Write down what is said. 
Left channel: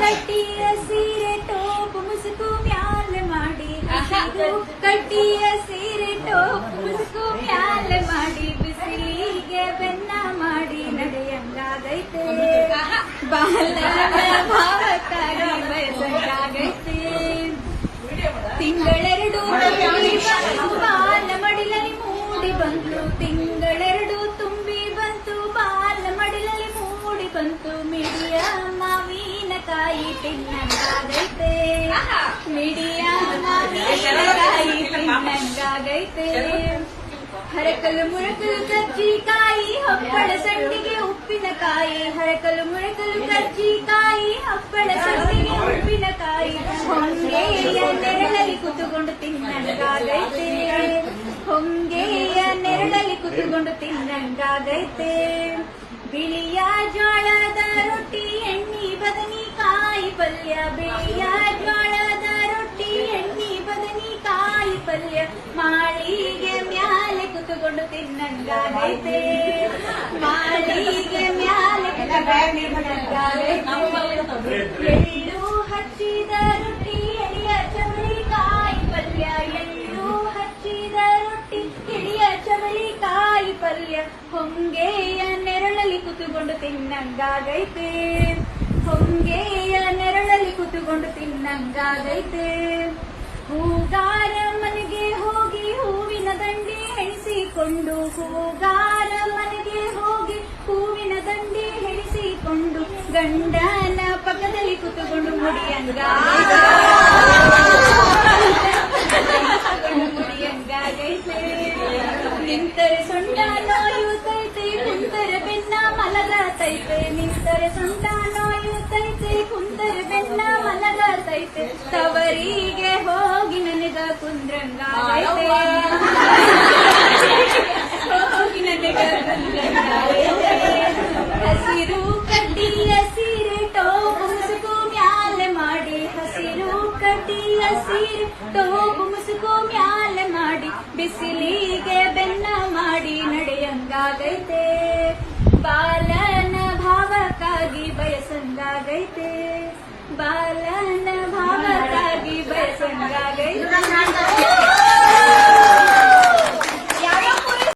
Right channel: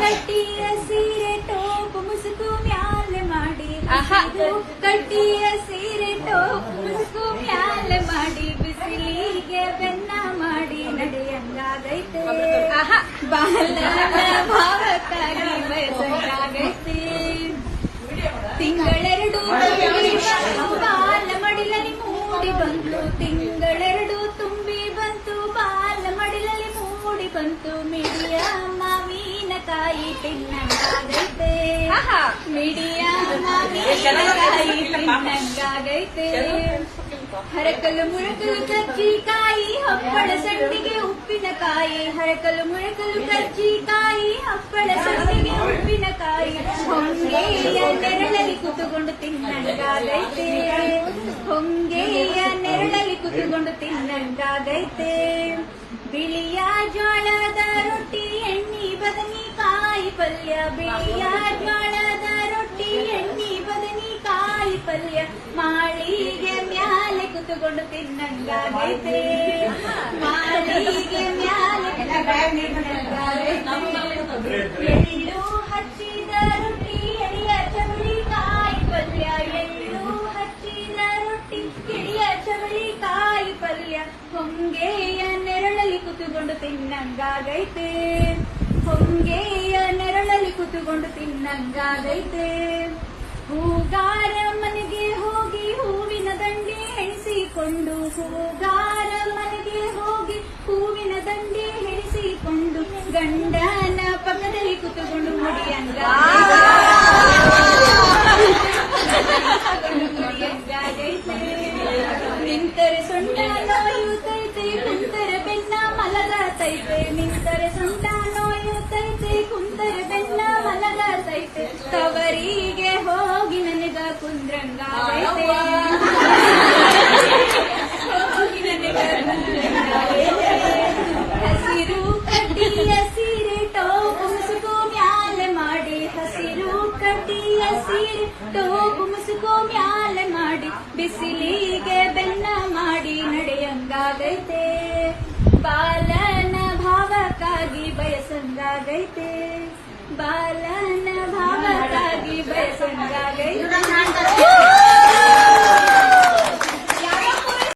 ಕಟ್ಟಿಯ ಸೀರೆ ಟೋಪ್ ಮುಸುಕು ಮ್ಯಾಲ ಮಾಡಿ. ಕಟ್ಟಿಯ ಸೀರೆ ಟೋಪ್ ಮುಸುಕು ಮ್ಯಾಲ ಮಾಡಿ. ಬಿಸಿಲಿಗೆ ಬೆನ್ನ ಮಾಡಿ ನಡೆಯಂಗಾಗೈತೆ ಬಾಲನ ಭಾವಕ್ಕಾಗಿ ಬಯಸಂಗಾಗೈತೆ ತಿಂಗಳೆರಡು ಬಾಲ ಮಡಿಲಲ್ಲಿ ಮೂಡಿ ಬಂದು ತಿಂಗಳೆರಡು ಬಂತು ಮಿಡಿಯ ಮಾವಿನಕಾಯಿ ತಿನ್ನಂಗಾಗೈತೆ ಮಿಡಿಯ ಮಾವಿನಕಾಯಿ ತಿನ್ನಂಗಾಗೈತೆ ಹರಕಲು ಮುಳಕಲು ಕಜ್ಜಿಕಾಯಿ ಹಪ್ಪಳ ಸಂಡಿಗೆ ಉಪ್ಪಿನಕಾಯಿ ಹರಕಲು ಮುಳಕಲು ಕಜ್ಜಿಕಾಯಿ ಹಪ್ಪಳ ಸಂಡಿಗೆ ಉಪ್ಪಿನಕಾಯಿ ಹೊಂಗೆಯ ನೆರಳಲ್ಲಿ ಕುತುಕೊಂಡು ತಿನ್ನಂಗಾಗೈತೆ ಹೊಂಗೆಯ ನೆರಳಲ್ಲಿ ಕುತುಕೊಂಡು ತಿನ್ನಂಗಾಗೈತೆ ಬಿಳಿಯ ಜೋಳದ ರೊಟ್ಟಿ ಎಣ್ಣಿ ಬದನಿಕಾಯಿ ಪಲ್ಯ ಬಿಳಿಯ ಜೋಳದ ರೊಟ್ಟಿ ಎಣ್ಣಿ ಬದನಿಕಾಯಿ ಪಲ್ಯ ಮಾಳಿಗೆ ಮ್ಯಾಲೆ ಕುತುಕೊಂಡು ತಿನ್ನಂಗಾಗೈತೆ ಮಾಳಿಗೆ ಮ್ಯಾಲೆ ಕುತುಕೊಂಡು ತಿನ್ನಂಗಾಗೈತೆ ಎಳ್ಳು ಹಚ್ಚಿದ ರೊಟ್ಟಿ ಎಳೆಯ ಚವಳಿಕಾಯಿ ಪಲ್ಯ ಎಳ್ಳು ಹಚ್ಚಿದ ಕುತುಕೊಂಡು ತಿನ್ನಂಗಾಗೈತೆ. ಹೊಂಗೆಯ ನೆರಳಲ್ಲಿ ಕುತುಕೊಂಡು ತಿನ್ನಂಗಾಗೈತೆ. ಹೂಗಾರ ಮನೆಗೆ ಹೋಗಿ ಹೂವಿನ ದಂಡೆ ಹೆಣಿಸಿಕೊಂಡು, ಹೂಗಾರ ಮನೆಗೆ ಹೋಗಿ ಹೂವಿನ ದಂಡೆ ಹೆಣಿಸಿಕೊಂಡು, ಗಂಡನ ಪಕ್ಕದಲ್ಲಿ ಕುತುಕೊಂಡು ಮುಡಿಯಂಗಾಗೈತೆ. ನಿಂತರೆ ಬೆನ್ನ ಮಲಗತೈತೆ ನಿಂತರೆ ಸೊಂಟ ಕುಂತರೆ ಬೆನ್ನ ಮಲಗತೈತೆ ತವರಿಗೆ ಹೋಗಿ ನನಗ ಕುಂದ್ರಂಗ. ಹಸಿರು ಕಡ್ಡಿಯ ಸೀರೆ ಟೋಪು ಮುಸುಕು ಮ್ಯಾಲೆ ಮಾಡಿ. ಹಸಿರು ಕಡ್ಡಿಯ ಸೀರೆ ಟೋಪು ಮುಸುಕು ಮ್ಯಾಲೆ ಮಾಡಿ. ಬಿಸಿಲಿಗೆ ಬೆನ್ನ ಮಾಡಿ ನಡೆಯಂಗಾಗೈತೆ ಬಯಸಂಗಾಗೈತೆ ಬಾಲನ ಭಾವಕ್ಕಾಗಿ ಬಯಸಂಗಾಗೈತೆ